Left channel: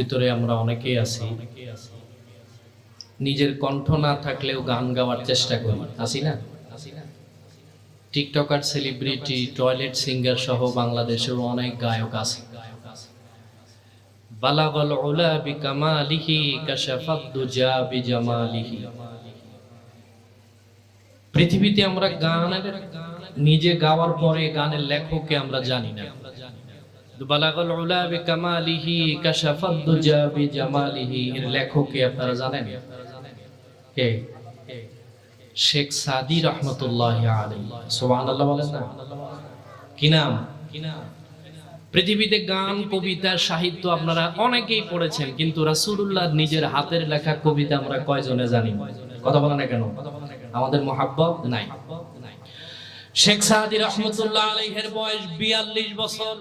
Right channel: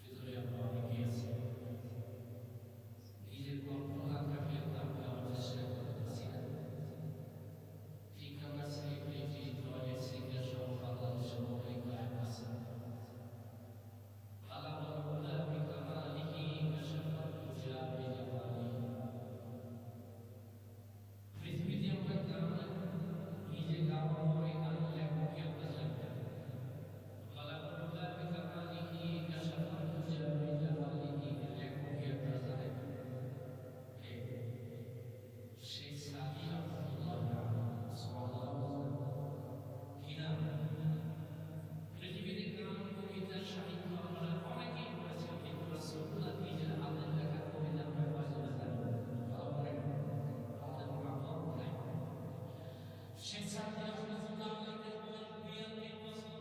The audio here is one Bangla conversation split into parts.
ভিতরে আমরা অনেকেই আছি নিজের কণ্ঠ না থাকলেও গান গাওয়ার চেষ্টা করি, আছি না? টিকটকার, সেলিব্রিটি, টয়লেট সিঙ্গার সহ বাংলাদেশের অনেক গায়ক আছে। বালাগাল উলা বিকামালিহি কাশাফাদ দুজা বিজামালিহি। পৃথিবীতে আমরা গানের নিজে গাওয়ার পরে গানের লেখককে আমরা জানি না। বালাগাল উলা বিকামালিহি কাশাফাদ দুজা বিজামালিহি এর লেখককে আপনারা জানেন কে? শেখ সাদী রহমতুল্লাহি আলাইহি। সুবহানাল্লাহ বলেন না? কি নাম? পৃথিবীতে গান, কবিতা, সাহিত্য আপনারা অনেকেই পড়েছেন, কিন্তু রাসূলুল্লাহ নিজের হাতের লেখা কবিতা আমরা কয়জনে জানি? কথা বলেন না কেন? আমাদের মুহাব্বত নাই। শেখ সাদী রহমতুল্লাহ আলাইহির বয়স 42 বছর।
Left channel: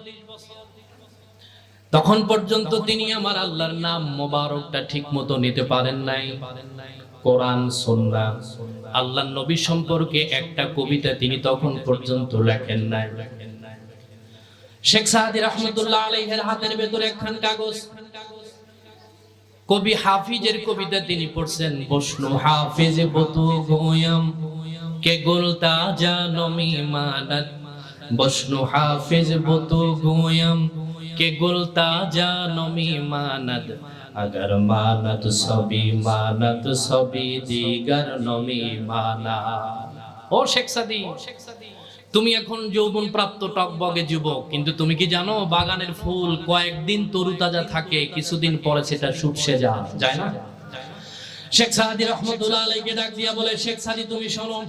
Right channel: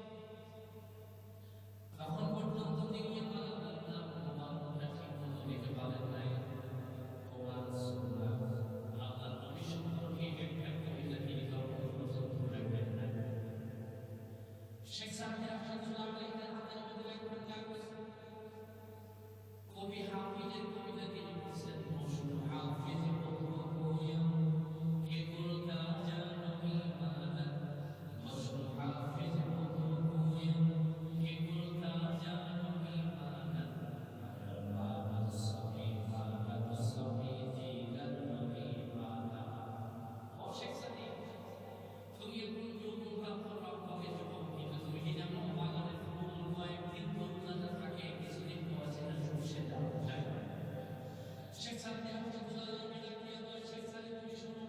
তখন পর্যন্ত তিনি আমার আল্লাহর নাম মোবারকটা ঠিক মতো নিতে পারেন নাই। কোরআন, সুন্নাহ, আল্লাহর নবী সম্পর্কে একটা কবিতা তিনি তখন পর্যন্ত লেখেন নাই। শেখ সাদী রহমতুল্লাহ আলাইহির হাতের ভেতরে একখান কাগজ, কবি হাফিজের কবিতা তিনি পড়ছেন। বসনু হাফিজ বতু গোয়াম কে গুলতা জানমি মানাত, বসনু হাফিজ বতু গোয়াম কে গুলতা জানমি মানাত, अगर मानत सभी दीगर नमी माना। ও শেখ সাদী, তুমি এখন যৌবন প্রাপ্ত টকবগে যুবক, কিন্তু তুমি কি জানো বাগানের ফুল কয়েকদিন তরুতাজা থাকে, কিছুদিন পরে সেটা শুকিয়ে যায় না? শেখ সাদী রহমতুল্লাহ আলাইহিকে ডাক দিয়া বলে, শেখ সাদী তুমি শোনো,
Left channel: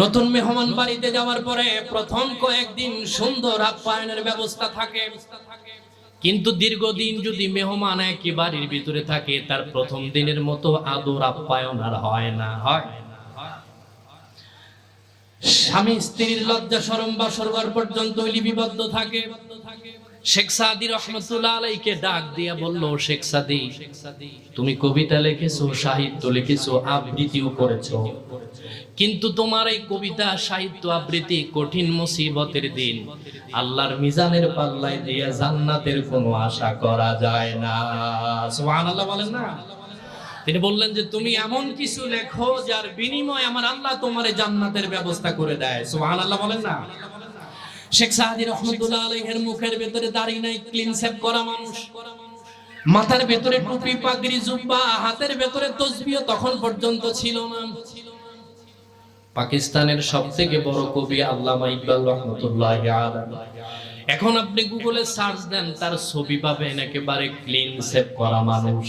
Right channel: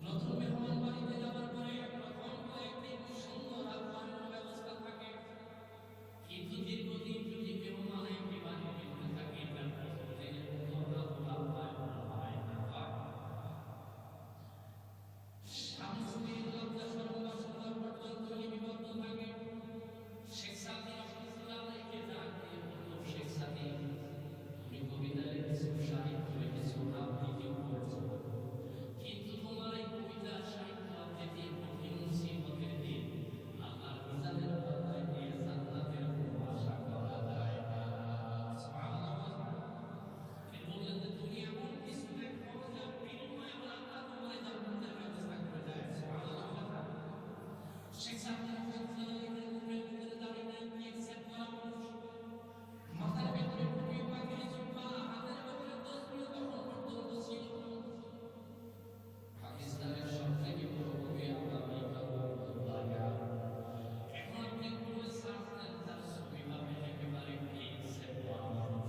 নতুন মেহমান বাড়িতে যাওয়ার পরে প্রথম কয়েকদিন সুন্দর আপ্যায়নের ব্যবস্থা থাকে, কিন্তু দীর্ঘদিন যদি মেহমান একই বাড়ির ভিতরে থাকে, তার প্রথম দিনের মতো আদর আপ্যায়ন আর হয় না। হয় স্বামী স্ত্রীর লজ্জা শরম বাসর ঘর পর্যন্ত লিপিবদ্ধ থাকে। শেখ সাদী রহমতুল্লাহ আলাইহিকে ডাক দিয়া বলল, শেখ সাদী তুমি কবিতা লিখেছো, সাহিত্য লিখেছো, আবৃত্তিও করেছো, কিন্তু তোমার এই কবিতা, সাহিত্য, আবৃত্তি কঠিন মুসিবতের দিন আল্লাহর মিজানের পাল্লায় দিয়ে জান্নাতের কোনো আশা করা যায় না। সুবহানাল্লাহ বলেন না? তিনি বললেন যে তুমি এমন কিছু লেখো যার বিনিময়ে আমার আল্লাহ তোমারে জান্নাতের ব্যবস্থা করে দেয়। সুবহানাল্লাহ বলেন না? শেখ সাদী রহমতুল্লাহ আলাইহির মুখের ভিতরে দাড়ি নাই, ক্লিন শেভ করা মানুষ, মাথার ভিতরে টুপি, পাগড়ি, জুব্বা, হাতের ভিতরে তাসবিহ তখন পর্যন্ত ছিল না। পাকিস্তানের সবথেকে বড় কবি আল্লামা ইকবাল রহমতুল্লাহি আলাইহি, এখন আপনি গুগলে সার্চ দেন, তার ছবি পাবেন একেবারে ক্লিন শেভ করা মানুষ,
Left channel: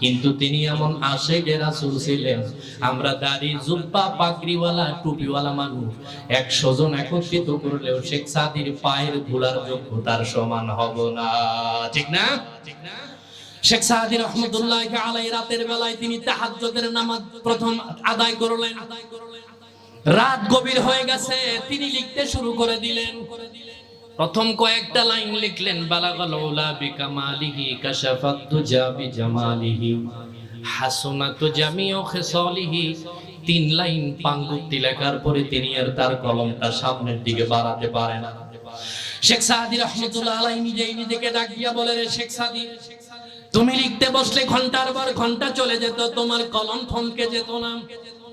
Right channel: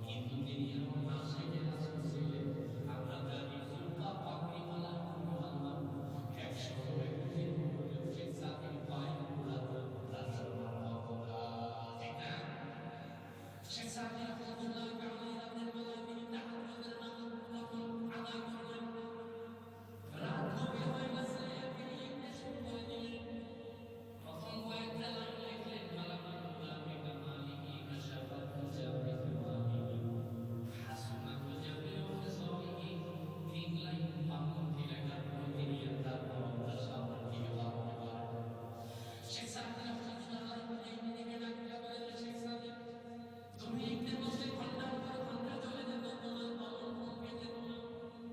কিন্তু তিনি এমন আশিকে রাসূল ছিলেন। আমরা দাড়ি, জুব্বা, পাগড়িওয়ালা, টুপিওয়ালা মানুষ 100 জন একত্রিত করলেও শেখ সাদীর পায়ের ধুলার যোগ্যতার সমান হব না। ঠিক না? শেখ সাদী রহমতুল্লাহি আলাইহি রাতের বেলায় তিনি তাহাজ্জুদের নামাজ প্রথম আদায় করলেন। রাত গভীর হয়ে গেছে, তিনি লিখতে শুরু করে দিলেন। প্রথম কয়েকটা লাইন লিখলেন, বালাগাল উলা বিকামালিহি কাশাফাত দুজা বিজামালিহি হাসনাতু জামিউ খিসালিহি। 3 লাইন পাঙ্গুক্তি লেখার পরে তিনি আর তার কলমটা সামনের দিকে বাড়াতে পারেন না। শেখ সাদী রাহমাতুল্লাহ আলাইহি নিজেকে ডাক দিয়া বলে, রে শেখ সাদী, তুমি লিখতে বসলে ঘন্টার পর ঘন্টা চলে যেত, তোমার কলম থমকে যেত না।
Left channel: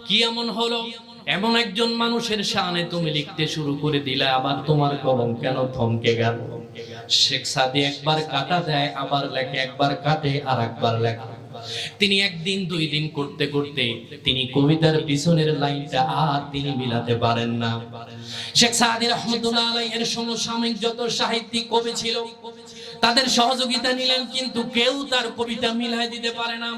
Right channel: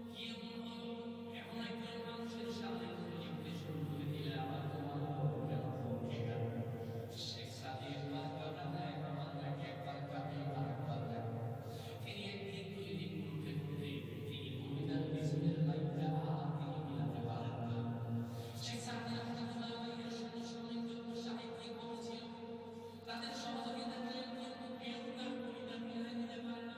কি এমন হলো? এমন একজন মানুষের শানে তুমি লিখতে শুরু করে দিলে, আবার তোমার কলম কেন থমকে গেল? শেখ সাদী একবার কাটা দেয়, আবার লেখে, একবার কাটে আর একবার লেখে। তিনি একদিন 2 দিন করতে করতে তিনি কবিতার পিছনের লাইনটা আর তিনি মিলাতে পারেন না। শেখ সাদী রহমতুল্লাহ আলাইহির সমসাময়িক যত সাহিত্যিক কবি ছিল তাদের সহযোগিতা নিলেন, কিন্তু কেউ তার কবিতা মিলাই দিতে পারে না।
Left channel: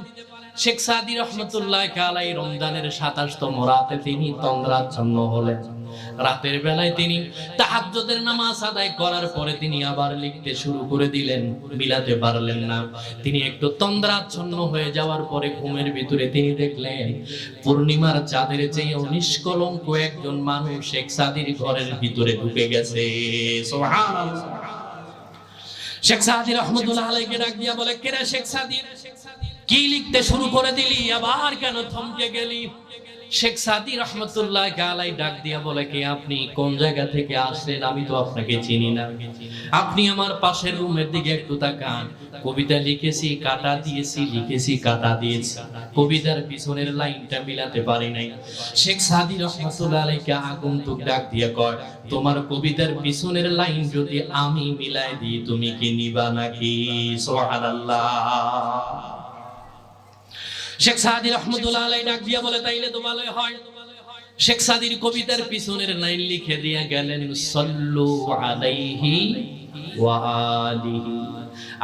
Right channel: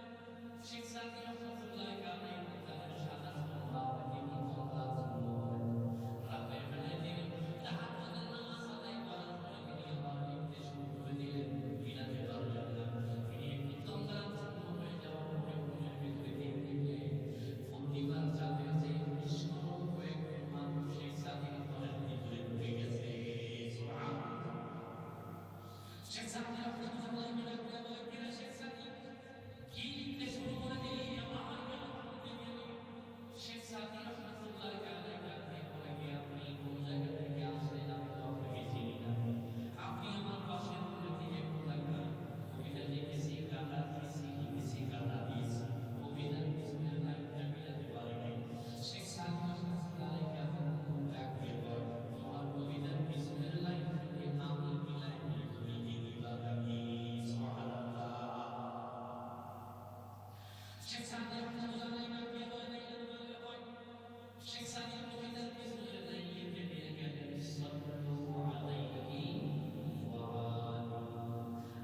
শেখ সাদী রহমতুল্লাহি আলাইহি রমজানের 27তম রাতে তিনি তন্দ্রাচ্ছন্ন হলেন। রাতের বেলায় তিনি তাহাজ্জুদের নামাজ আদায় করার পরে তিনি আবার লিখতে শুরু করে দিলেন, মিলাতে পারলেন না। তিনি একটু তন্দ্রাচ্ছন্ন হয়ে যাওয়ার পরে ঘুমের ভিতরে তিনি দেখলেন পূর্ণিমার চাঁদের চেয়ে নিষ্কলঙ্ক একজন মানুষ শেখ সাদীর ঘরের ভিতরে ঢুকে গেছে। সুবহানাল্লাহ। শেখ সাদী রহমতুল্লাহ আলাইহিকে ডাক দিয়া বলে, কে রে শেখ সাদী, কি লিখতে শুরু করে দিলি, আবার কেন থমকে গেলি? শেখ সাদী রহমতুল্লাহি আলাইহি ডাক দিয়া বলে, কে আপনি, কোন জায়গা থেকে আসলেন? আমি তো আপনাকে চিনি না। আপনি আমার পাশের রুমের দিকে একটু তাকান, কবিতা লিখেছি কাটা দিয়েছি, লিখেছি কাটা দিয়েছি, কবিতার পিছনের লাইনটা মিলাতে পারি নাই। শেখ সাদী রহমাতুল্লাহ আলাইহি আগন্তুক ডাক দিয়ে কয়, তোমার কবিতার পিছনের লাইন যদি আমি মিলাই দিই তুমি কি নিবা নাকি? সুবহানাল্লাহ। শেখ সাদী রহমাতুল্লাহ আলাইহি ডাক দিয়ে বলে, তাইলে তো ভালোই হয়। শেখ সাদীর কবিতার পিছনের লাইন লিখে দিয়ে গেলেন, সাল্লু আলাইহি ওয়া আলিহি।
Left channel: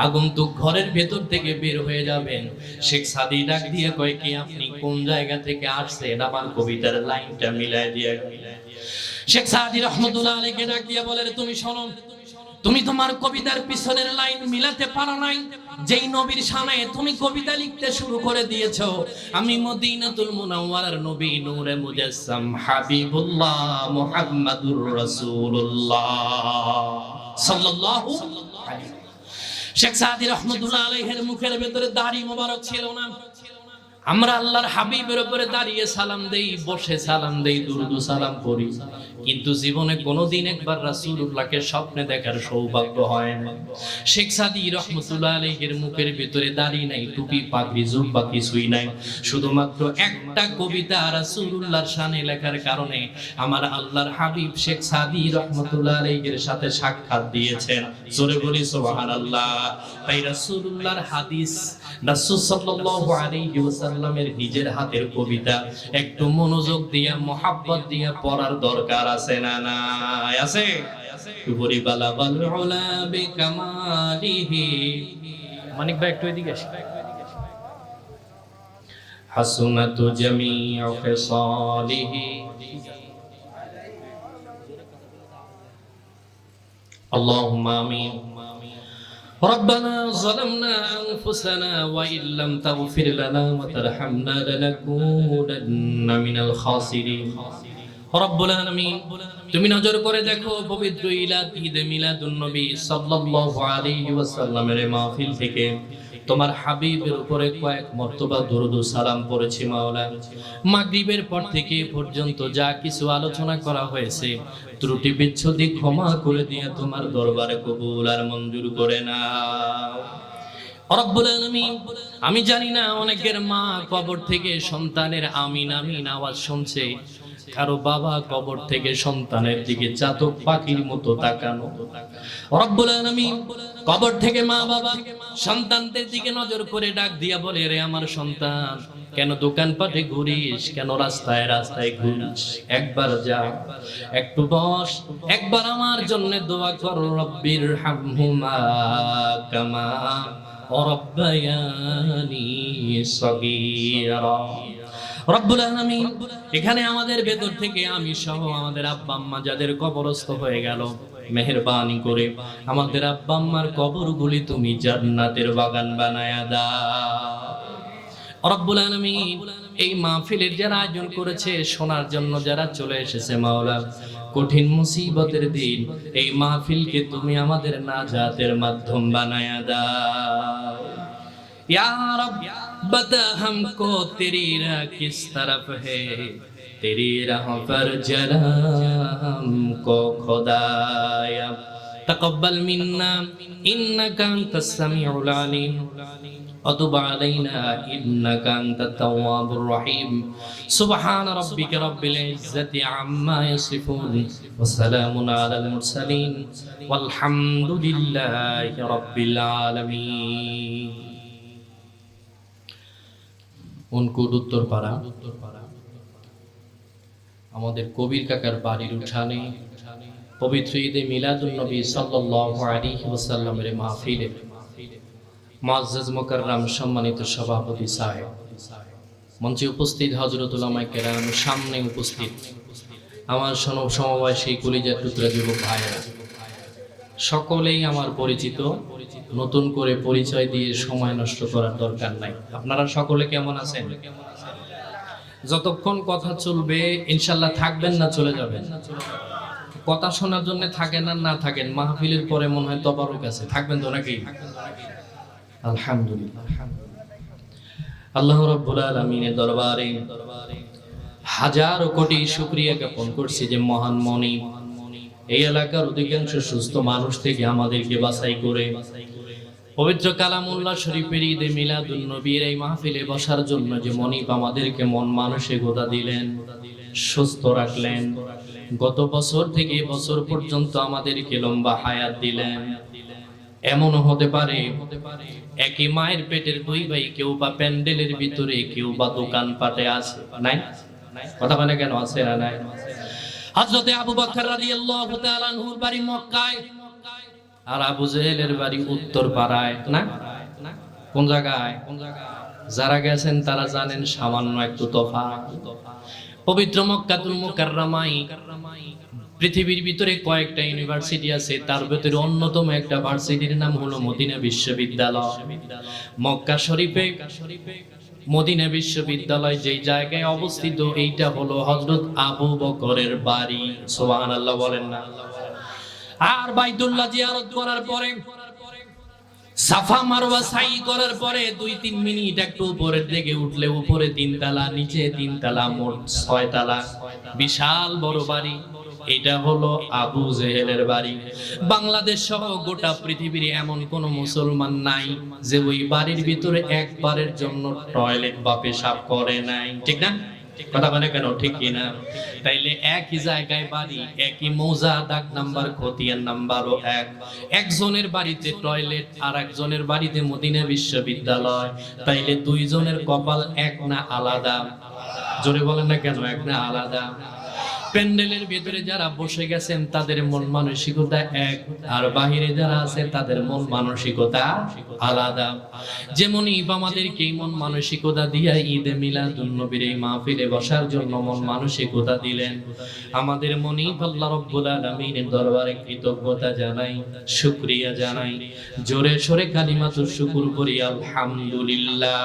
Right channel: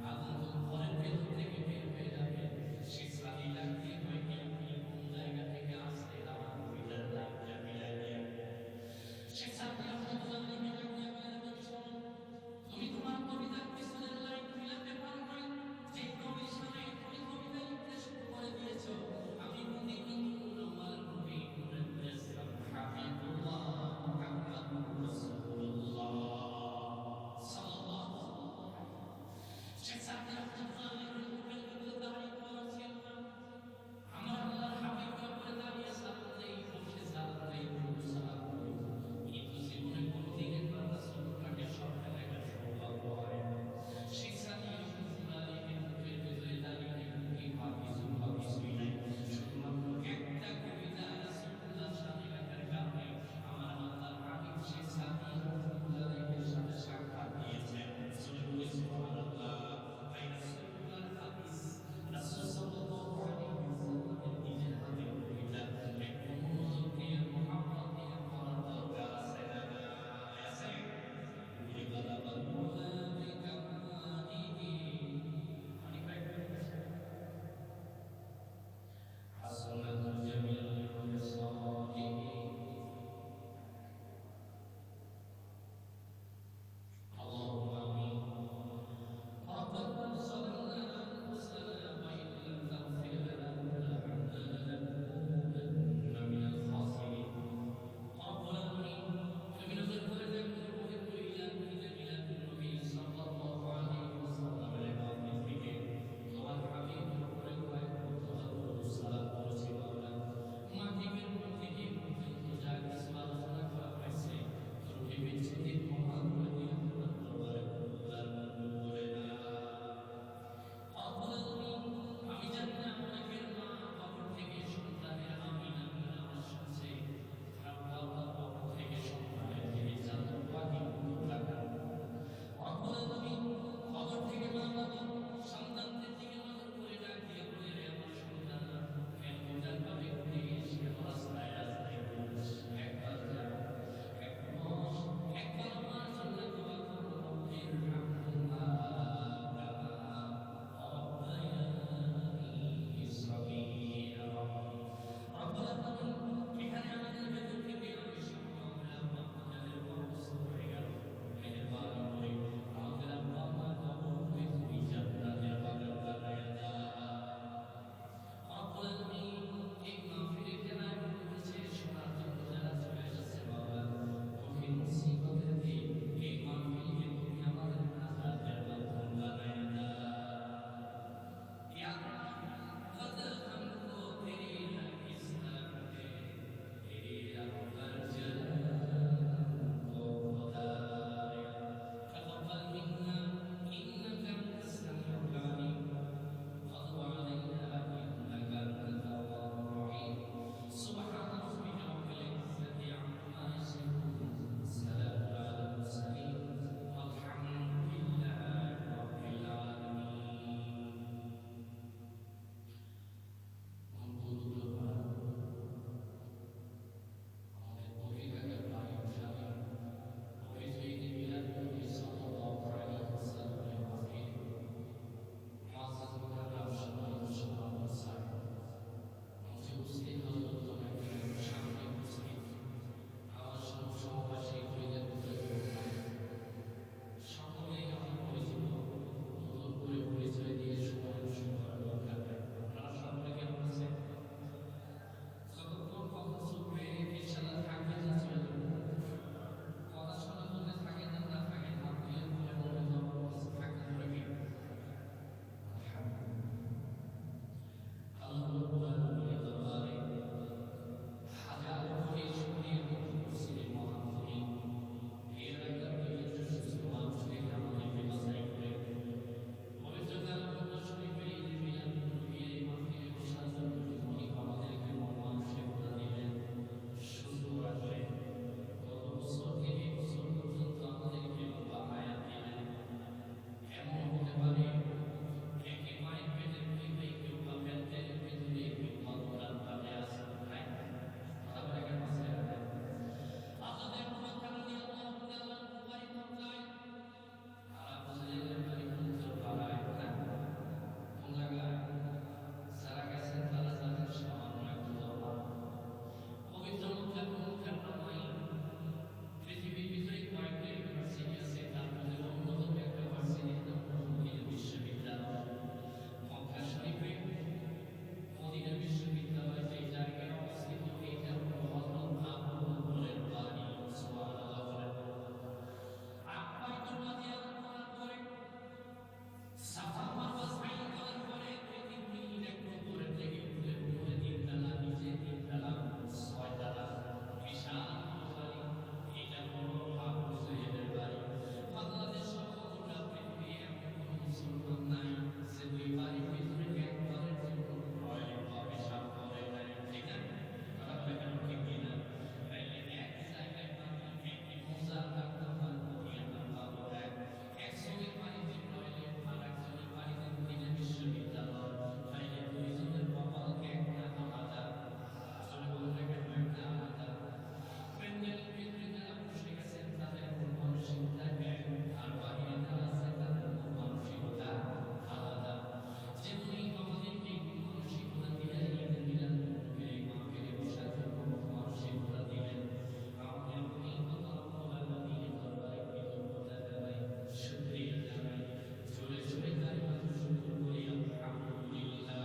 আগন্তুক ঘরের ভেতর থেকে বের হয়ে যাবেন, শেখ সাদী ডাক দিয়ে কয়, কি আপনি কোন জায়গা থেকে আসছেন? আমার কবিতার লাইনটা মিলাই দিয়ে। শেখ সাদী রহমাতুল্লাহ আলাইহি ডাক দিয়ে বলে, তুমি শোনো, তুমি তোমার কবিতার পিছনের লাইন মিলাতে পারো নাই। যেই নবীর শানে তুমি কবিতা লিখতে শুরু করে দিয়েছো, আমি মদিনাতুল মুনাওয়ারার নবী নূরে মুজাসসাম হাবিবুল্লাহ মুহাম্মাদুর রাসূলুল্লাহ সাল্লাল্লাহু আলাইহি। শেখ সাদী রহমাতুল্লাহ আলাইহির মুখের ভিতরে দাড়ি মোবারক ছিল না। আমরা আল্লাহর হাবিবের উপরে দাঁড়িয়ে সালাম দেই, বসে সালাম দেই, দুরুদ সালাম করি, কিন্তু জীবনে কোনোদিন একবার রাসূলুল্লাহকে স্বপ্নে দেখার সৌভাগ্য হয় না। শেখ সাদী রহমাতুল্লাহ আলাইহির মুখের ভিতরে দাড়ি নাই, টুপি পাগড়ি জুব্বা কিছুই নাই, শুধুমাত্র একটা কবিতা রাসূলুল্লাহর শানে লেখার কারণে আমার আল্লাহর হাবিব শেখ সাদী রহমাতুল্লাহ আলাইহির সাথে সাক্ষাৎ দিয়েছেন। জোরে বলি সুবহানাল্লাহ। তাই রাসূলুল্লাহর হাদিস, রাসূল সাল্লাল্লাহু আলাইহি ওয়াসাল্লামের নিজের হাতের কবিতা একটু মনোযোগ দিয়ে মোহাব্বত দিয়ে পড়ার দরকার আছে না নাই? আছে। বলি বালাগাল উলা বিকামালিহি। মানিক ভাই একটু এদিকে আসেন। হাসুনাতু জামিউ ফিসালিহি। আল্লাহুম্মা আমিন। ربنا ظلمنا أنفسنا وإن لم تغفر لنا وترحمنا لنكونن من الخاسرين রব্বুল আলামিন, তুমি নজর করে দেখো পবিত্র ঈদে মিলাদুন নবী সাল্লাল্লাহু আলাইহি ওয়াসাল্লামের মাহফিল থেকে তোমার হাবিবের উপরে কয়েক মর্তবা দুরূদ ও সালাম পড়েছি মাওলা। মাগরিবের পর থেকে পর্যন্ত যা কিছু আলোচনা করা হয়েছে ত্রুটি বিচ্ছুতি ক্ষমা করে দিয়ে তোমার দরবারে কবুল আর মঞ্জুর করে নাও রব্বুল আলামিন। আমি জানি না অনেকের মা কবর থেকে সন্তানের আমিন আমিন আওয়াজ শুনছে, কারো বাবা কবর থেকে সন্তানের দিকে চাতক পাখির মতো তাকানো। রব্বুল আলামিন, কবর থেকে মা বাবা সন্তানদের দিকে নজর করে ডাক দিয়া বলে, রে আমার সন্তান, কেন দোকানপাটে ঘুরিস, কেন রাস্তায় রাস্তায় ঘুরিস? একবার যা, একটু বস, একবার আমার জন্য দোয়া কর। রব্বির হামহুমা কামা রাব্বায়ানি সগীরা। রব্বুল আলামিন, এখানে আমাদের ভেতর থেকে আমি সহ আমাদের আব্বা আম্মা যাদের কবরস্থ হয়ে গেল, মেহেরবানি করে আমাদের আব্বা আম্মার কবরগুলি তুমি জান্নাতের বাগান বানায়া দাও রব্বুল আলামিন। এই মাহফিলের যারা আয়োজন করেছে, শোনার জন্য যারা চলে এসেছে মাওলা, কঠিন মুসিবতের দিন এই মাহফিলকে তুমি আমাদের নাজাতের মাধ্যম বানায়া দাও ইয়া রব। बता हमको तेरी राह किस तरफ है, तेरी राह पर जला हमको खुदाया। तकब्बल मिन्ना इन्नका अंतस समीउल अलीम वतुब अलैना इन्नका अंतत तव्वाबुर रहीम। सुब्हान रब्बिका रब्बिल इज्जति अम्मा यसिफून व सलामुन अलल मुरसलीन वल्हम्दुलिल्लाहि रब्बिल आलामीन। উনকুট উত্তরপাড়া আমাদের কবির কাকার বাড়ির উঠানে পবিত্র ঈদে মিলাদুন নবী সাল্লাল্লাহু আলাইহি ওয়াসাল্লামের মাহফিলে মুআজ্জাজ মুকাররম সম্মানিত সভাপতি সাহেব, মঞ্চে উপস্থিত হযরত উলামায়ে কেরাম, সামনে উপস্থিত আমার সমবয়সী কলিজার টুকরা যুবক ভাইরা, সকলেই আমার পরিচিত। নতুন করে পরিচয় দিয়ে সময় নষ্ট করার দরকার নাই। আপনারা সকলে কেমন আছেন? যতক্ষণ কথা চলবে ইনশাআল্লাহ থাকবেন না চলে যাবেন? কথা শোনার জন্য থাকেন আর না থাকেন, মাহফিলের পরে মনে হয় তবারক আছে, থাকবেন তো নাকি? আলহামদুলিল্লাহ। আল্লাহ রাব্বুল আলামিনের দরবারে হাজারো কোটি শুকরিয়া জ্ঞাপন করছি যে মহান মনি এই এলাকার অধিকাংশ সুস্থ মানুষ থেকে আমাদেরকে বাছাই করে পবিত্র কালামুল্লাহ শরীফের ঈদে মিলাদুন নবীর এই মাহফিলে বসার জন্য যে মনিব আমাদেরকে মন মানসিকতা দিলেন, সুস্থ রাখলেন, গত বছর থেকে বছর পর্যন্ত আমাদেরকে লম্বা হায়াত দিলেন। এমনও হতে পারে একই মায়ের পেটের দুই ভাই, কেউ বা প্যান্ডেলের ভিতরে, কেউ বা দোকান পাটে আছে, নাই? কথা বলে কেন আছে না নাই? হযরতে আবু বকর রাদিয়াল্লাহু তাআলা আনহুর বাড়ি মক্কায়, আর আবু জেহেলের বাড়ি উত্তর পাড়ায়, না? কোন জায়গায়? যারা গেছেন তারা জানেন সামান্য একটু তফাৎ। পবিত্র মক্কাতুল মুকাররমায় পৃথিবীর ভিতরে কয়েকটা ইউনিভার্সিটি আছে, তার ভিতরে অন্যতম একটা ভার্সিটির নাম হলো মদিনা বিশ্ববিদ্যালয়। মক্কা শরীফে মদিনা বিশ্ববিদ্যালয় যেই জায়গায় অবস্থিত, এইটা হলো হযরত আবু বকরের বাড়ি। সুবহানাল্লাহ বলেন না? আর বাইতুল্লাহ জিয়ারত করার পরে, সাফা মারওয়া সাই করার পরে 2-3 মিনিট একটু উপরের দিকে উঠলে উপরে 3 তালা, নিচে 3 তালা, মোট 6 তালা, বিশাল বড় বাড়ি। এটা হলো আবু জেহেলের বাড়ি। বাংলাদেশ সহ গোটা পৃথিবীর এমন কোন মুসলমান নাই যে ওই বাড়ির ভিতরে একবারের জন্য টয়লেট বা পেশাব করে নাই, ঠিক না? কথা বলে কেন, ঠিক কিনা? তাইলে একই জায়গায় বাড়ি, একই মৌজা, দাগ নাম্বার, খতিয়ান নাম্বারও এক। একজনের বাড়িতে টয়লেট আর একজনের বাড়িতে মদিনা বিশ্ববিদ্যালয়, তাইলে দুইজনের কপাল এক না আলাদা? জোরে বলেন না কেন, এক না আলাদা? প্যান্ডেলের ভিতরে যারা বসে গেছেন তাদের মন মানসিকতা এক, আর বাহিরে যারা আছে তাদের মন মানসিকতা আলাদা। যেমনই আমাদেরকে মন মানসিকতা দিয়া ঈদে মিলাদুন নবীর এই মাহফিলে বসার জন্য মন মানসিকতা দিলেন, আমাদের মনিব আল্লাহ রাব্বুল আলামিনের দরবারে কৃতজ্ঞতা জানাই, শুকরিয়া জানাই। জোরে সোরে কালিমাতুশ শুকর করি আলহামদুলিল্লাহ।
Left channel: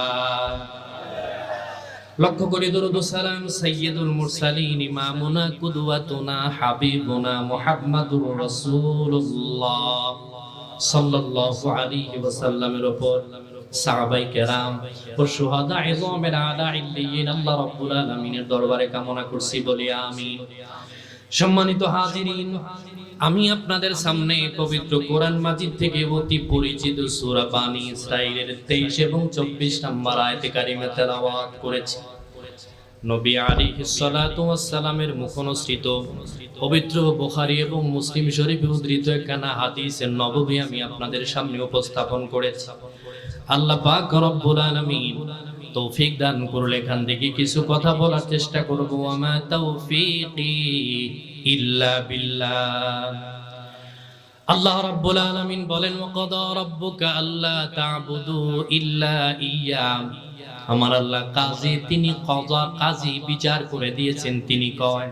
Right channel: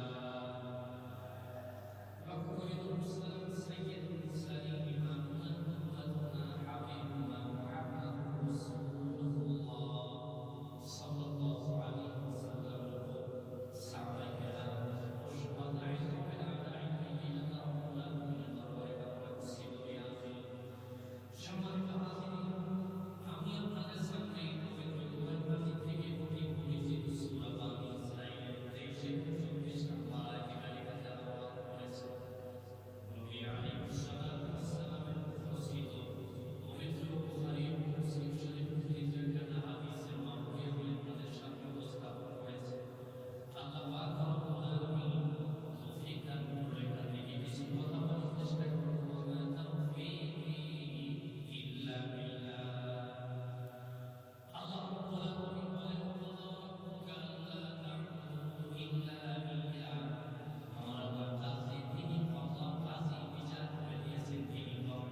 লক্ষ্য করে দরুদ ও সালাম সাইয়্যিদুল মুরসালিন, ইমামুনা, কুদওয়াতুনা, হাবিবুনা মুহাম্মাদুর রাসূলুল্লাহ সাল্লাল্লাহু আলাইহি ওয়াসাল্লামের উপর, সাহাবায়ে কেরাম ও শুহাদা ইযমের আলা ইল্লিয়িন আল্লাহ রাব্বুল আলামিনের দরবারে কামনা করছি, বলি আমিন। সম্মানিত হাজিরিন, আমি আপনাদের সামনে পবিত্র কোরআন মাজিদ থেকে অতি পরিচিত সূরা বানী ইসরাঈলের 23 এবং 24 নম্বর আয়াতে কারিমা তেলাওয়াত করেছি। নবী আলাইহিস সালাতু ওয়াস সালামের মুখনসৃত পবিত্র বুখারী এবং মুসলিম শরীফে উদ্ধৃত একখানা হাদিসের নববী আমি আপনাদের সামনে উপস্থাপন করেছি। আল্লাহ পাক রব্বুল আলামিন তৌফিক দান করলে এখান থেকে কিছু কথা বলার চেষ্টা করব। ওয়ামা তাওফীকি ইল্লা বিল্লাহ। আল্লাহ রাব্বুল আলামিন বলেন, ওয়াকাদা রাব্বুকা আল্লা তা'বুদু ইল্লা ইয়্যা। আমার আল্লাহ কাজী, তিনি কযা, কাজী বিচার করে দিয়েছেন। তিনি কয়,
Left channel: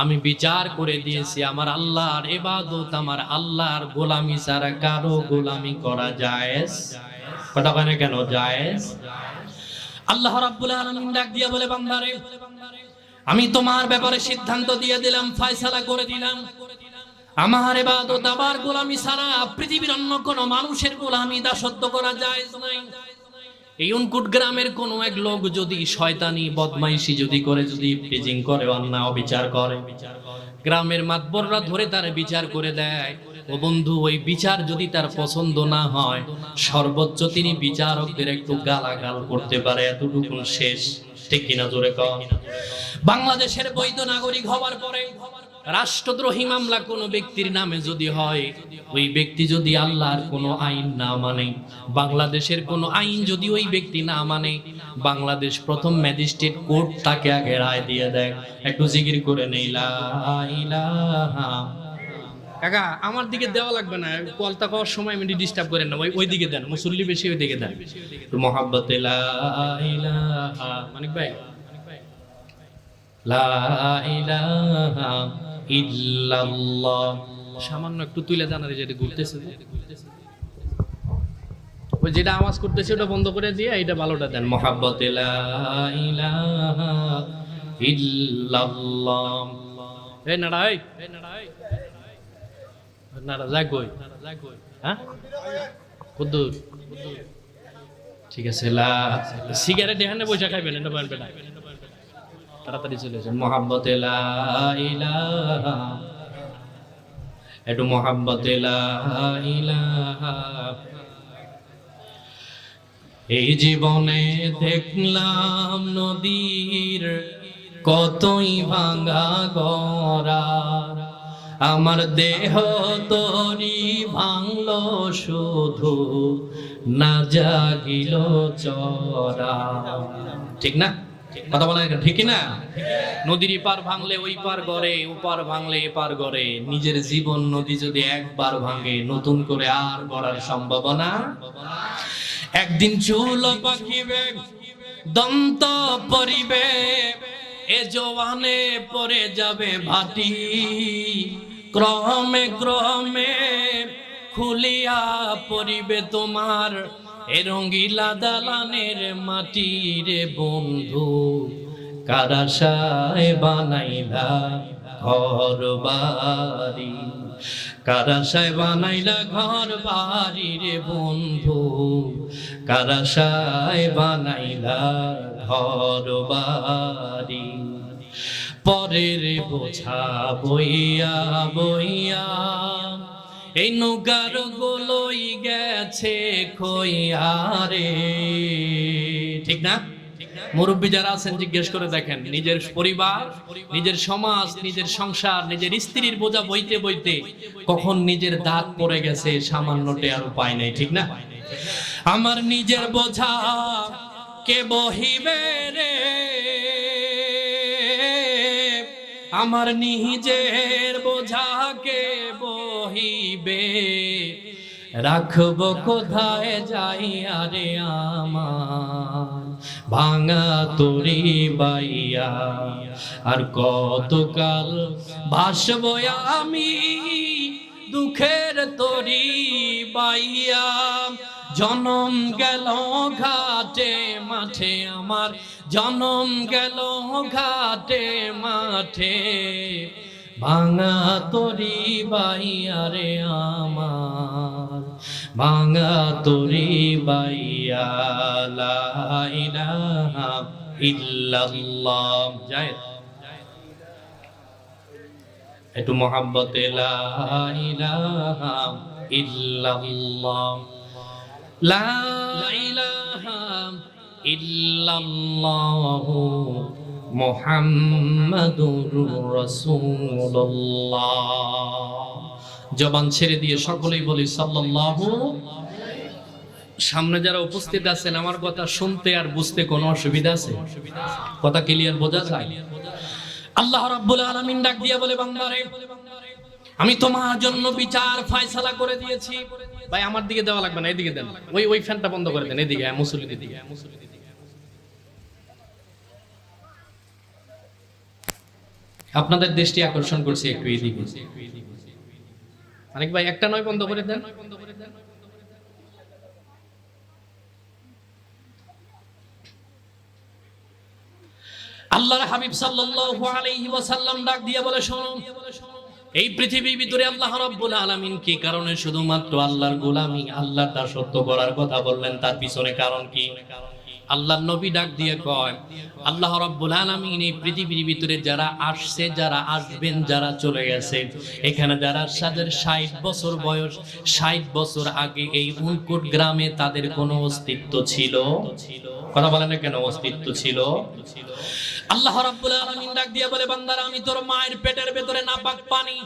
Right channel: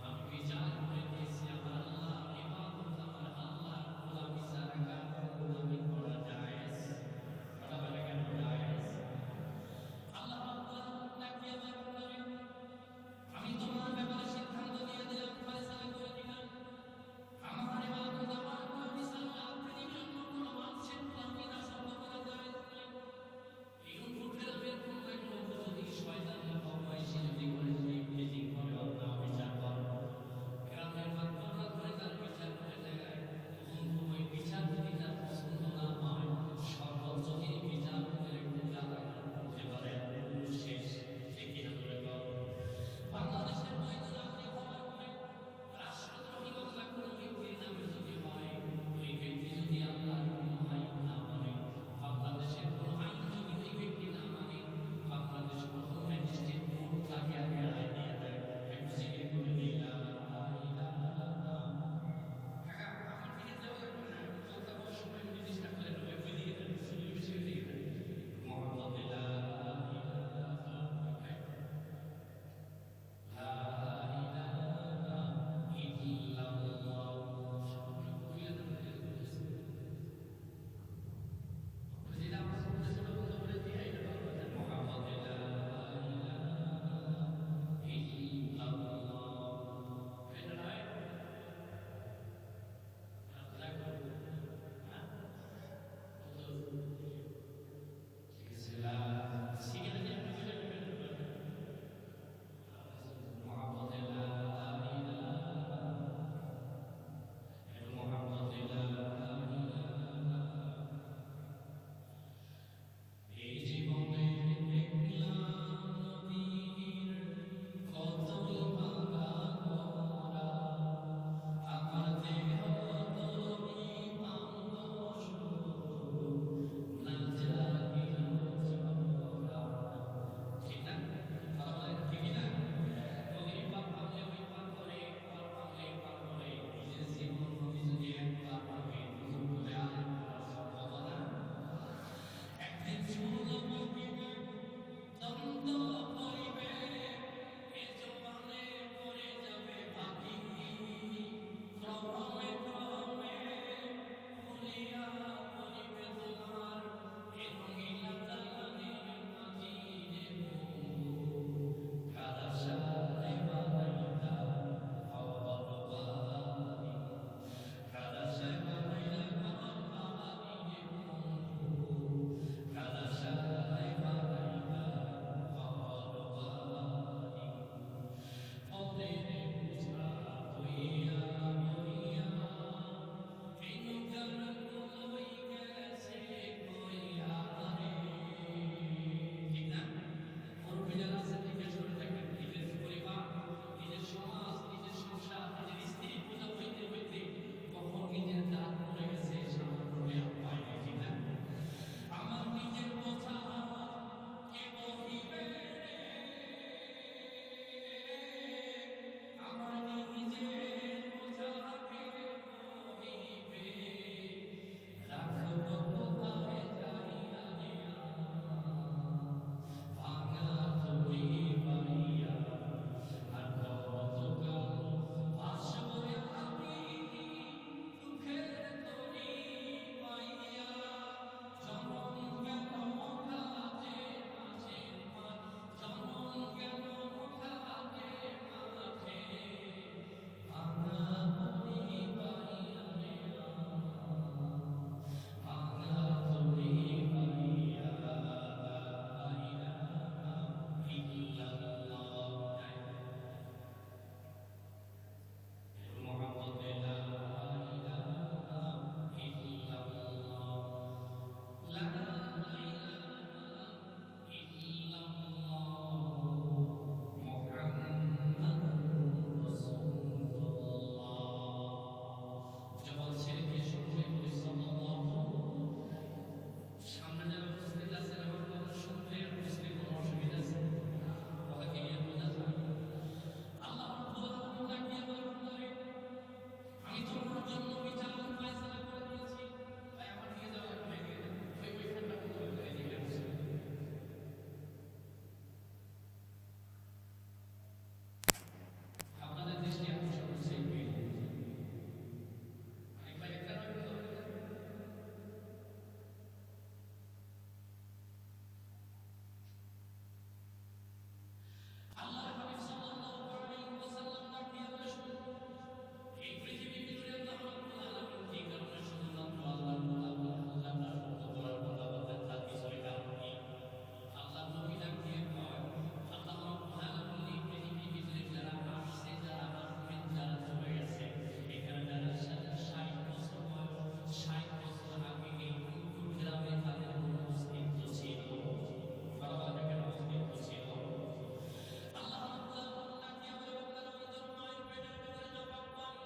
আমি বিচার করে দিয়েছি আমার আল্লাহর ইবাদত, আমার আল্লাহর গোলামি ছাড়া কারো গোলামি করা জায়েজ। কথা বলে কেন জায়েজ? আল্লাহ রাব্বুল আলামিন ডাক দিয়া বলে, বান্দারে আমি তোমার ব্যাপারে সিদ্ধান্ত দিয়ে দিলাম, ফয়সালা করে দিলাম, আমার ইবাদত, আমার গোলামি ছাড়া পৃথিবীর অন্য কোন মানুষের গোলামি দাসত্ব করা জায়েজ নাই। এই উনকুট গ্রামের কোন এক লোক যদি শয়তানি বদমাইশি যদি করে, যদি প্রেজিং করে, অন্যায় অবিচার করে, গ্রামের মাতবররা ধরে তার বিচার করে দেয়, ও বন্ধু, ওই বিচার যদি তার পছন্দ না হয়, সর্বোচ্চ তিনি বিচারকদের একটু গালাগাল করতে পারে, এতটুকু শেষ, ঠিক কিনা জোরে কও? বাংলাদেশের বৈধ নাগরিক হওয়ার পরে রাষ্ট্রদ্রোহী মামলা কোনো ব্যক্তির নামে যদি হয়, ওই ব্যক্তি যদি আল্লাহর কোনো আইন না মানে, বাংলাদেশের কোনো আইন যদি ওই ব্যক্তি না মানে, বাংলাদেশ প্রথম ম্যাজিস্ট্রেট কোর্ট তাকে আগে রায় দিয়ে দেয়। একটু জিকির করে নেই, লা ইলাহা। কাকা আমার দিকে দেওয়া লাগবে না, কলতা পাওয়ার সময় আমি ডিস্টার্ব করেন না, ওই দিকে দেন, মুসল্লি বেশি ওই দিকে দেন। মোহাব্বতে লা ইলাহা, মানিক ভাই, লা ইলাহা ইল্লাল্লাহ। সামান্য একটু তুলে জানারে, যেটা ঘুরতেছে, ওই যেটা আওয়াজ করতেছে ওটা বন্ধ করে দিয়ে এটা ভালোটা দেন। মোহাব্বতে লা ইলাহা ইল্লাল্লাহ। এই নাড়া, এই নাড়া, যাগই, হ্যাঁ কদ্দুর, ঠিক আছে। লা সিগারেট এখানে বসে খাইবেন, এটা বানবে না, তাড়াতাড়ি চলে যান। মোহাব্বতে লা ইলাহা, একটু মোহাব্বতে লা ইলাহা এই জীবনে দেখলাম নদীর কতই ভাঙা গড়া, আমার দেহ তরি ভাঙলো শুধু, না জাগিল চরা। ঠিক না? কথা বলা ঠিক না? নদীর পার ভাঙলে ওই পার গড়ে, ওপার ভাঙলে এপার গড়ে। নিজের জীবন নদী যদি একবার ভাঙে, নতুন করে আর গড়ার সম্ভাবনা। একদিন চুল পাকিবে, দন্ত পরিবে, এ জওয়ানে পড়ে যাবে ভাটি, ক্রমে ক্রমে খুলিয়া পড়িবে তোমার এ রঙ্গিলা দালানের মাটি রে বন্ধু, কারাশায় বানাইলা ঘর বাড়ি, কারাশায় বানাইলা ঘর বাড়ি রে বন্ধু, কারাশায় বানাইলা ঘর বাড়ি। পরের বোঝা বইয়া বইয়া এই নৌকার গোলই গেছে খইয়া রে। ঠিক না? মুরব্বী যারা আছেন জিজ্ঞেস করে দেখেন, নিজের পরিবার, নিজের সমাজ, নিজের সংসার, নিজের স্ত্রীর বোঝা বইতে বইতে কখন নিজের দাঁত পড়ে গেছে সামান্যটে আর উপায় নেই। ঠিক না? আমার নিজের বোঝা কে বহিবে রে, আমার নিজের বোঝা কে বহিবে, রাখবো কোথায় যাইয়া রে আমার ভাঙা তরি বাইয়া, আর কতকাল ভাসবো আমি দুঃখের তরি বাইয়া। জনম গেল ঘাটে মাঠে আমার, জনম গেল ঘাটে মাঠে, ভাঙা তরি বাইয়া রে আমার, ভাঙা তরি বাইয়া। লা ইলাহা ইল্লাল্লাহ। যায় একটু মোহাব্বতে, লা ইলাহা ইল্লাল্লাহ, লা ইলাহা ইল্লাল্লাহু মুহাম্মাদুর রাসূলুল্লাহ। জবান ছেড়ে দিয়ে সকলেই বলি সাল্লাল্লাহু। সামনে যারা উপস্থিত আছেন, আমার কথা শুনতে আর বুঝতে কোনো অসুবিধা আছে? কথা ক্লিয়ার বোঝা যায়? আল্লাহ রাব্বুল আলামিন ডাক দিয়া বলে, বান্দারে আমি তোমার জন্য বিচার ফয়সালা করে দিয়েছি। ভাই আমার দিকে দেওয়া লাগবে না, এদিকে দেন। ওই ফ্যানটা বন্ধ করে দেন, এদিকে মুসল্লিদের দিকে। আপনাদের দৃষ্টি আকর্ষণ করছি একটু এদিকে। অনেক ভাই একটা নয় বন্ধ করে দেন। আল্লাহর হাবিব সাল্লাল্লাহু আলাইহি ওয়াসাল্লাম ডাক দিয়ে বলে, শোনো, এই পৃথিবীর ভিতরে আল্লাহ রাব্বুল আলামিন কি কারণে শুধুমাত্র আল্লাহর গোলামি, আল্লাহর দাসত্ব করার কথা বললেন, তার পিছনে কারণ কি? আল্লাহর নবী ডাক দিয়ে কয়, আল্লাহ রাব্বুল আলামিন এই পৃথিবীর ভিতরে যারা আসছে, যারা আসবেন, যারা চলে গেছে, এখানে যারা 60 বছর বয়স, 60 বছর আগে এই উনকোট গ্রামে তাদের কোনো অস্তিত্ব ছিল? কথা বলেন না কেন? অস্তিত্ব ছিল। আল্লাহ রাব্বুল আলামিন ডাক দিয়ে বলে, বান্দারা আমি তোর মায়ের পেটের ভেতরে নাপাক পানি,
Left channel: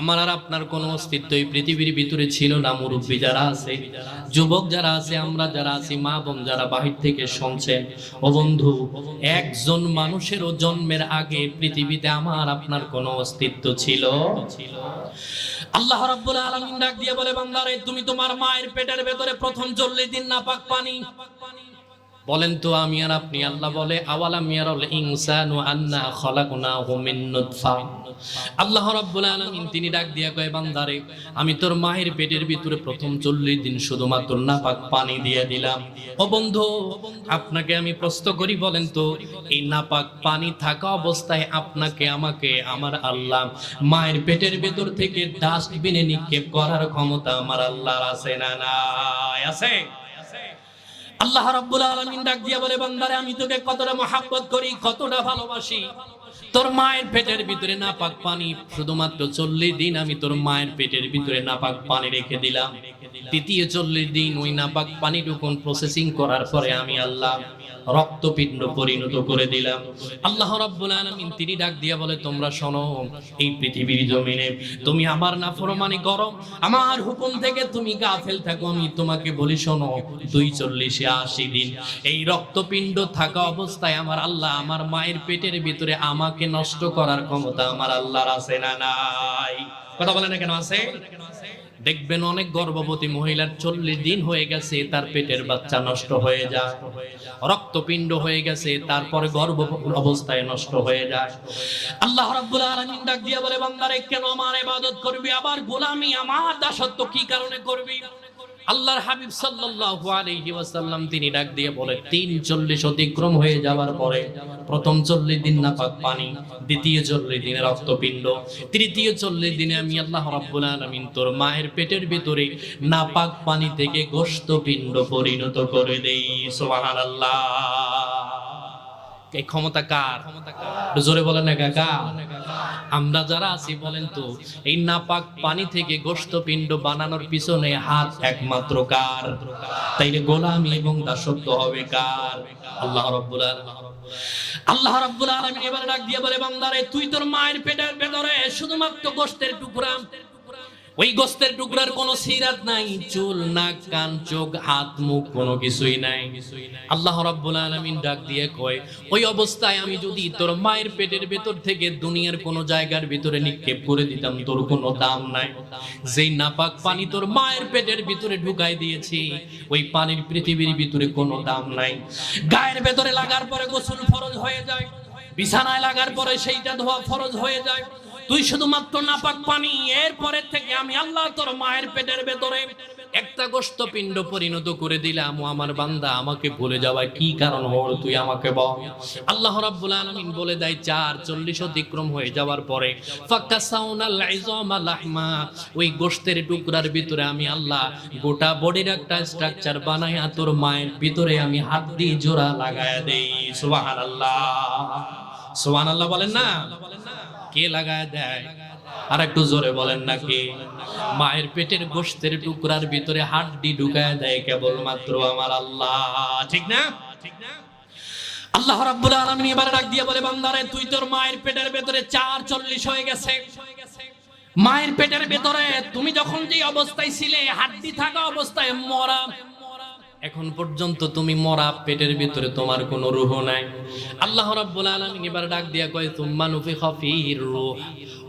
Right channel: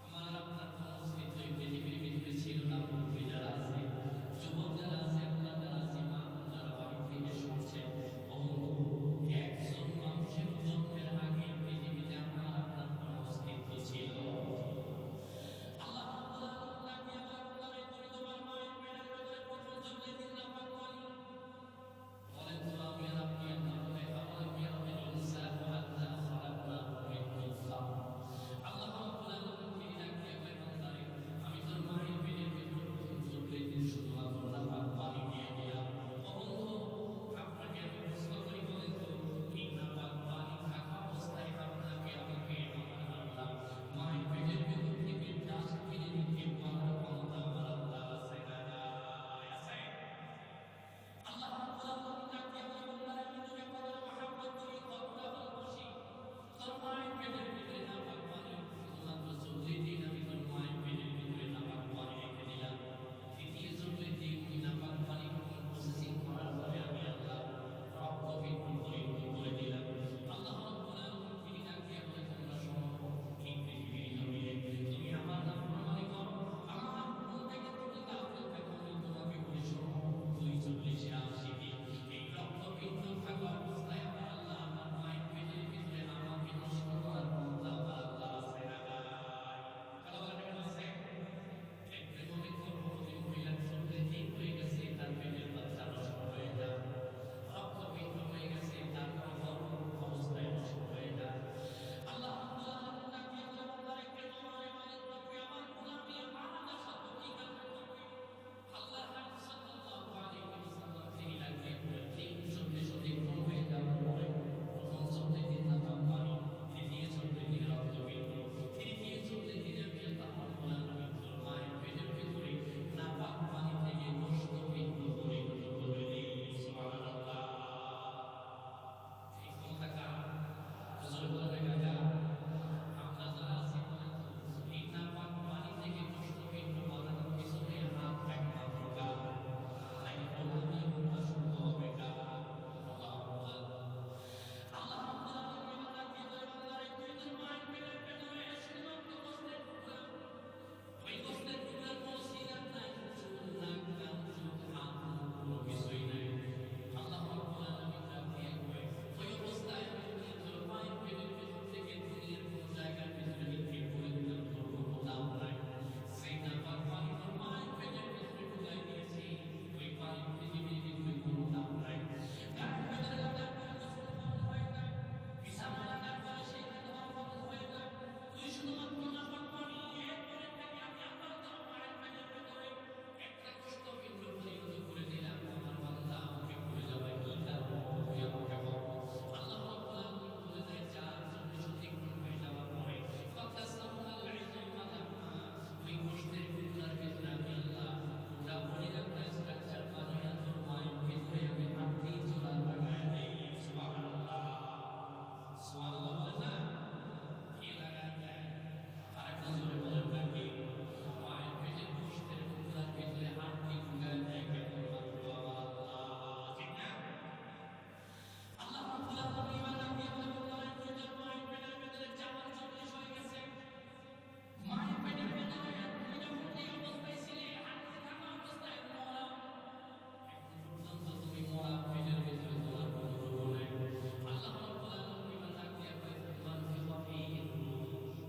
আমার আর আপনার কোনো অস্তিত্ব এই পৃথিবীর ভিতরে ছিল না। মুরব্বী যারা আছে, যুবক যারা আছে, আমরা যারা আছি, মা বোন যারা বাহির থেকে শুনছেন, ও বন্ধু, একজন মানুষেরও জন্মের আগে পৃথিবীতে আমার আপনার কোনো অস্তিত্ব ছিল? আল্লাহ রাব্বুল আলামিন ডাক দিয়ে বলে, বান্দারে তুমি তোমার মায়ের পেটের ভেতরে প্রথম 40 দিন নাপাক পানি। বলেন তো আমি আর আপনি? আল্লাহ বলে, আওয়ালাম ইয়ারাল ইনসানু আন্না খলাকনাহু মিন নুতফা। আল্লাহ রাব্বুল আলামিন তিনি ডাক দিয়া কয়, বান্দারে আমি তোর মায়ের পেটের ভিতরে প্রথম 40 দিন শুধুমাত্র নাপাক পানি দিয়ে দিলাম। ও বন্ধু, আপনাকে আমি প্রশ্ন করি, বলেন তো এই নাপাক পানি থাকা অবস্থায় আপনাকে আমাকে আমার আল্লাহ মায়ের পেটের ভেতর থেকে ডাস্টবিনে নিক্ষেপ করার ক্ষমতা আমার আল্লাহর আছে না নাই? আছে। আল্লাহ রাব্বুল আলামিন ডাক দিয়া বলে, বান্দারে আমি তোকে কতটা মহব্বত করি, কতটা ভালোবাসি। তোর মায়ের পেটের ভিতরে নাপাক পানি শুধুমাত্র 40 দিন আমি তোর মায়ের পেটের ভিতরে নাপাক পানি রেখে দিলাম। তৃতীয় 40 দিন ওই নাপাক পানিটুকুন প্রসেসিং করার পরে আমি আল্লাহ রক্তপিণ্ড পরিণত করে দিলাম। আল্লাহ রাব্বুল আলামিন তিনি ডাক দিয়া বলে, তোমরা শোনো, এই পৃথিবীর জমিনে তুমি আমার নাফরমানি করো, আমার হুকুম থেকে তুমি গাফেল থাকো, আমি তোমাকে বলি শোনো, 240-80 দিন এই রক্তপিণ্ড থাকা অবস্থায় আমার আল্লাহ আমার মায়ের পেটের ভিতরে আমাকে নষ্ট করার ক্ষমতা আমার আল্লাহর আছে না নাই? কথা বলে না কেন আছে? দেখবেন অনেক গর্ভবতী মহিলার 40 দিন হয়ে গেছে, তার পেটের বাচ্চা নষ্ট হয়ে যায়, রক্তপিণ্ড হয়ে গেছে, তারপরে গর্ভ অবস্থায় নষ্ট হয়ে যায়। আল্লাহ রাব্বুল আলামিন ডাক দিয়ে বলে, বান্দারে কেন আমার ইবাদত করবি, আবার গোলামি আমার দাসত্ব কি কারণে করবি? আল্লাহর হাবিব সাল্লাল্লাহু আলাইহি ওয়াসাল্লাম তিনি ডাক দিয়ে বলে, 40 অতিক্রম হয়ে যাওয়ার পরে প্রথম 40 দিন নাপাক পানি, দ্বিতীয় 40 দিনে রক্তপিণ্ড, তৃতীয় 40 দিনে আমি আল্লাহ রাব্বুল আলামিন তোর মায়ের পেটের ভিতরে নাপাক পানি থেকে গোশতপিণ্ড পরিণত করে দেই। সুবহানাল্লাহ। এই ক্ষমতা কার? জোরে বলেন না কাকা। আমরা যারা আছি বলেন তো, এই নাপাক পানি থেকে গোশতপিণ্ড বানানোর পিছনে হাত একমাত্র কার? তাইলে গোলামি এবং দাসত্ব হবে কার? আল্লাহ রাব্বুল আলামিন। আল্লাহ রাব্বুল আলামিন এবার ডাক দিয়ে বলে, বান্দারে তুই তোর মায়ের পেটের ভেতরে শুধুমাত্র গোশতের টুকরা, ওই গোশতের টুকরার কোনো সিরাত নাই, চুল, নাক, কান, চোখ, হাত, মুখ কোনো কিছুই নাই। আল্লাহ রাব্বুল আলামিন ডাক দিয়ে কয়, ওই অবস্থায় আমি যদি তোর মায়ের পেটের ভেতর থেকে দুনিয়ার কোনো জায়গার ভিতরে নিক্ষেপ করে দিতাম, তোর কোনো দাম নাই। যেই নাপাক পানি তোর মায়ের পেটের ভিতরে ঢুকাই দিয়েছি, ওই পানির পৃথিবীর ভিতরে কোনো দাম নাই। গায়ের ভেতরে লাগার পরে গোসল ফরজ হয়ে যায়, বিছানায় লাগার পরে সেইটা ধোয়া ফরজ হয়ে যায়। তুই শুধুমাত্র নাপাক পানি, এরপরে থেকে আমি আল্লাহ তোর মায়ের পেটের ভেতরে একটা গোশতপিণ্ড পরিণত করে দিলাম। আমার বান্দা আমাকে ভুলে যাওয়ার কি কারণ হল, তুই আমাকে বল। আল্লাহ রাব্বুল আলামিন বলে দেয়, 40 অতিক্রম হয়ে যাওয়ার পরে ফাকাসাউনাল ইযামা লাহমা, ওই গোশতের টুকরার ভিতরে আমি আল্লাহ গোটা বডির একটা স্ট্রাকচার বানায়া তোর মায়ের ভিতরে আমি হাড্ডি জোড়া লাগায়া দেই। সুবহানাল্লাহ, সুবহানাল্লাহ বলেন না? কে লাগায় দেয়? আর একটু জোরে বলেন না কে? মায়ের পেটের গোশতের টুকরার ভিতরে হাড্ডি ঢুকায় দেয় কেবলমাত্র আমার আল্লাহ, ঠিক না? আল্লাহ রাব্বুল আলামিন এবারে ডাক দিয়ে বলে, বান্দারে তুই তোর মায়ের পেটের ভেতরে 40 হয়ে গেছে। মায়ের পেটের ভেতরে তুমি যখন যে অবস্থায় ছিলে, হাড্ডি থাকা অবস্থায় মরা, এখন পর্যন্ত তুমি মরা, পেটের ভিতরে তোমার কোনো রূহ নাই। আল্লাহ রাব্বুল আলামিন এবার ডাক দিয়া কয়, তুম্মা নুফিখা ফীর রূহ,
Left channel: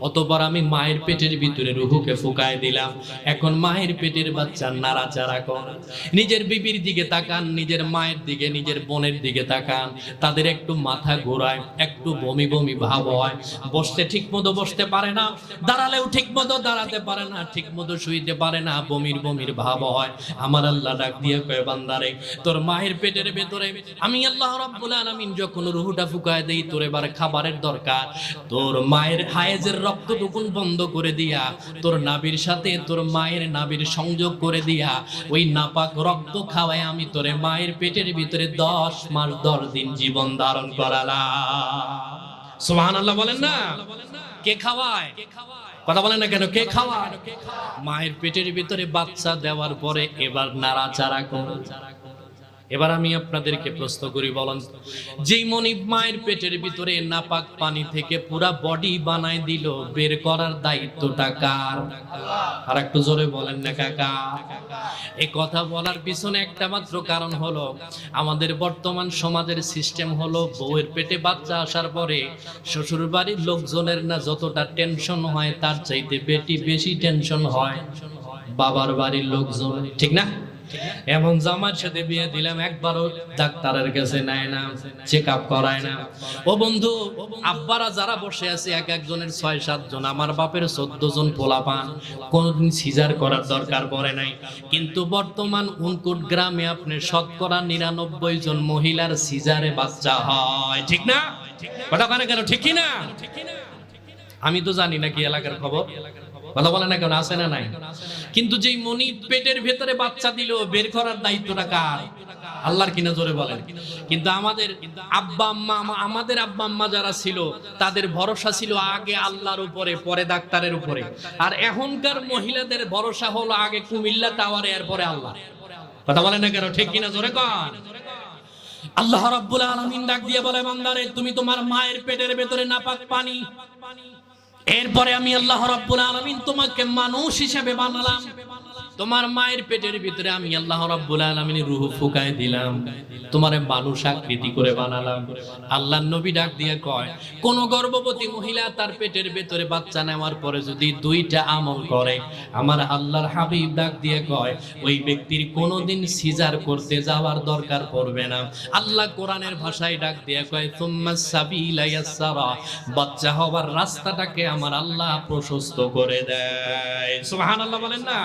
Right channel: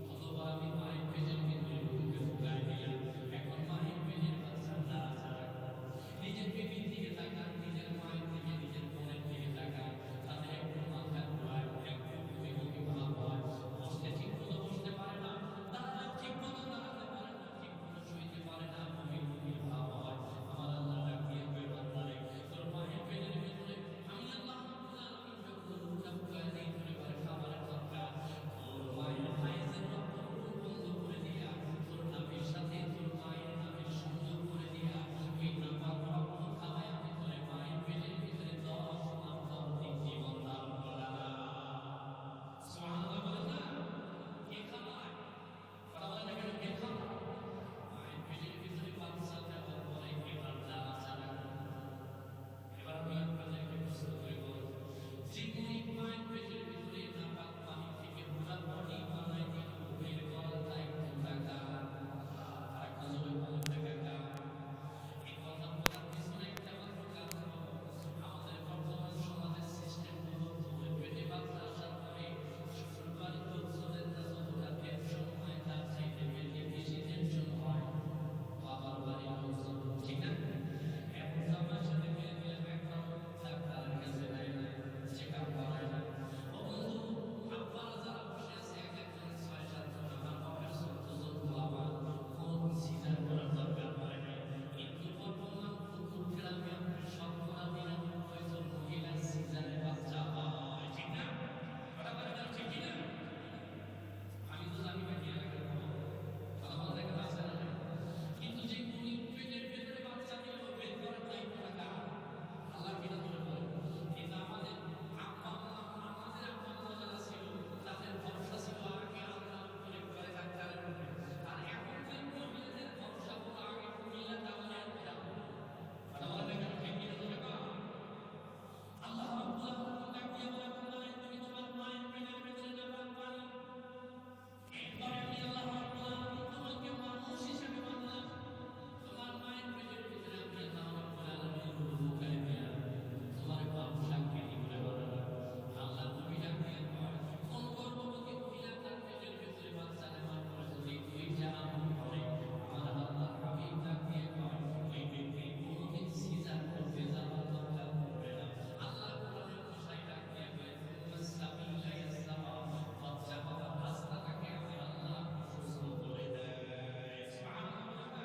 অতঃপর আমি মায়ের পেটের ভিতরে রূহকে ফুঁকায় দিলাম। এখন মায়ের পেটের বাচ্চা নাড়াচাড়া করে, নিজের বিবির দিকে তাকান, নিজের মায়ের দিকে, নিজের বোনের দিকে তাকান, তাদের একটু মাথা ঘোরায়, একটু বমি বমি ভাব হয়, বসতে ঠিক মতো বসতে পারে না, দাঁড়ালেও ঠিক মতো দাঁড়াতে পারে না, ঠিক মতো শুইতে পারে না, বমির বমির ভাব হয়। আমার আল্লাহ ডাক দিয়ে কয়, বান্দারে তোর মায়ের পেটের ভেতরে আমি আল্লাহ রাব্বুল আলামিন যখন রূহটা ফুঁকায় দেই, তোর এবার খাবারের দরকার, তোর মায়ের হায়েজের রক্তটুকুন বন্ধ করে দিয়া, তোর নাভির সাথে তোর মায়ের নাভির সংযোগ করে দিয়া, ওই নাপাক রক্ত খাওয়ায় আমি তোরে মায়ের পেটের ভিতরে 10 মাস 10 দিন জীবন ধারণ করালাম। সুবহানাল্লাহ বলেন না? কে খাওয়ায়? কথা বলেন না কেন? কে খাওয়ায়? মায়ের পেটের ভিতরে বাচ্চা দেওয়ার পরে এবার নাড়াচাড়া করে। এবার আমি আপনাদেরকে প্রশ্ন করি, বলেন, যেই মনিব মায়ের পেটের ভিতরে নাপাক পানি থেকে পুরা বডি বানায় দিল, বের করার দায়িত্বটা কার? আর একটু জোরে বলেন না কাকা। এই কথা বলার পিছনে একটা মাত্র কারণ হলো, আমাদের বর্তমান সমাজের সিস্টেম হলো, বউয়ের পেটে বাচ্চা আসার পরে শ্বশুর বাড়ির লোকজনের না যতটা টেনশন হয়, তার চাইতে বেশি টেনশন হয় বাবার বাড়ির লোকজন, ঠিক না? এমন জামার সাথে বিয়ে দিলাম, একবারও ডাক্তারের কাছে নেয় না, চেক আপ করায় না। ও বন্ধু, আব্বারা যারা বসে আছে, এক একজনের 6-7 জন, আমার বাপের 14 জন পোলাপান, কোনদিন সিজার করার দরকার পড়ে নাই। কিন্তু বর্তমান উনকুট গ্রামে আপনি শতকরা 99 জন মহিলার সিজারে বাচ্চা হয়, ঠিক না? কথা বলে কেন? ঠিক কি না? আমি তো জানি না কি এলাকার খবর, কথা বলে না কেন? আছে না নাই? কিন্তু যেই মনি পেটের ভেতরে বাচ্চা দিল, বের করার দায়িত্বটা কার? আল্লাহর কিনা জোরে বলেন। কিন্তু আমাদের আব্বা আম্মা যারা ছিল তাদের ভরসা ছিল আগে আল্লাহর উপরে, পরে ডাক্তারের উপরে। আর এখনকার মহিলাদের ভরসা হলো আগে কুমিল্লা টাওয়ারে, এরপরে আল্লাহ। কথা বলেন না কেন? ঠিক কিনা জোরে কন। আল্লাহ রাব্বুল আলামিন ডাক দিয়ে বলে, বান্দারে তুমি তোমার মায়ের পেটের ভেতরে নাপাক পানি, এরপরে আমি আল্লাহ রাব্বুল আলামিন তোমাকে মানুষ হিসেবে বানালাম। তোমার মায়ের পেটের ভিতরে আমি আল্লাহ রাব্বুল আলামিন রূহ ফুকায় দিলাম, তোমারে মানুষ আকৃতি করে বানালাম। আল্লাহর নবী ডাক দিয়ে কয়, কোন গর্ভবতী মহিলা তার পেটের ভেতরে বাচ্চা নেওয়ার পরে যদি দুইটা আমল করে, আমার আল্লাহর হাবিব ডাক দিয়ে কয় ওই ব্যক্তির কোনোদিন সিজার করতে যাওয়ার দরকার পড়বে না। আল্লাহ কোরআনের ভাষায় ডাক দিয়ে কয়, সুম্মাস সাবিলা ইয়াসসারা, বাচ্চা হওয়ার রাস্তাটাকে আমার আল্লাহ প্রশস্ত করে দেয়। সুবহানাল্লাহ বলেন না?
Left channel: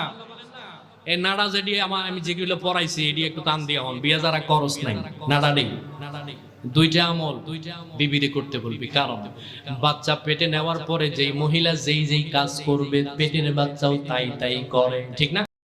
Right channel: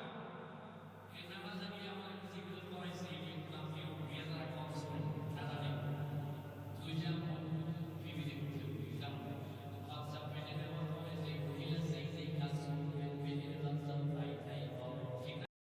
এই নাড়া যেটি আমি যেগুলো পড়াইছি এটি একটু টান দিয়ে হন, বিয়া যারা করস নাই নাড়া নেই, দুইটা আমল বিবিরে করতে বলবি। কারণ বাচ্চা পেটে নেওয়ার পরে যেই মহিলা যেই কাজ করবে পেটের বাচ্চাও তাই করে, ঠিক না?